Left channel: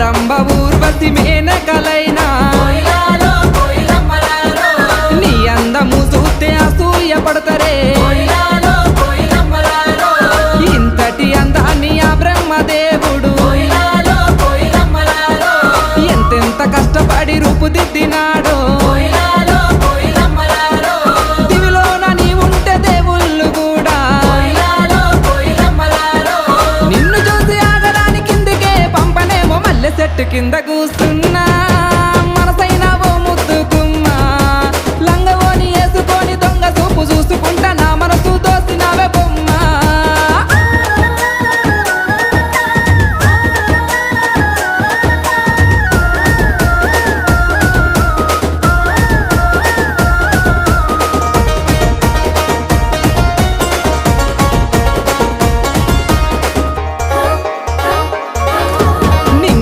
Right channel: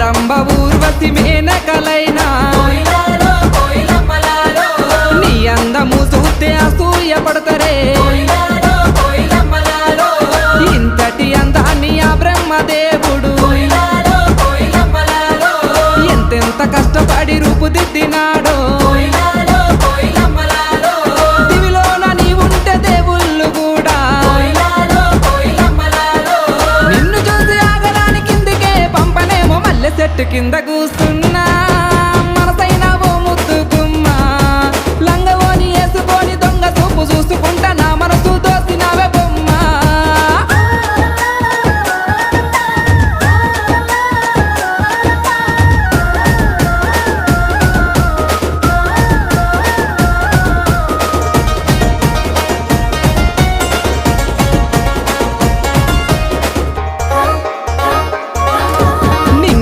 రంభ ఊర్వశి మేనకలైనా నీ అందము చూస్తే అసూయ పడతారే ఇంతటి అందాన్ని ఆ బ్రహ్మదేవుడు ఎంతెంత కష్టపడి రూపుదిద్దినాడో దివిలోన నీ ఉంటే దేవుళ్ళు కూడా నిన్ను చూసి ఆగరాని కిందికే పంపనేమో మల్లె చెట్టు కింద కూస్తున్నా మనసైనా ఓ ముద్దుకుమ్మా లంగవోని వేసుకొని దొంగ చూపు చూసుకుంటా నా మనసు దోసినావే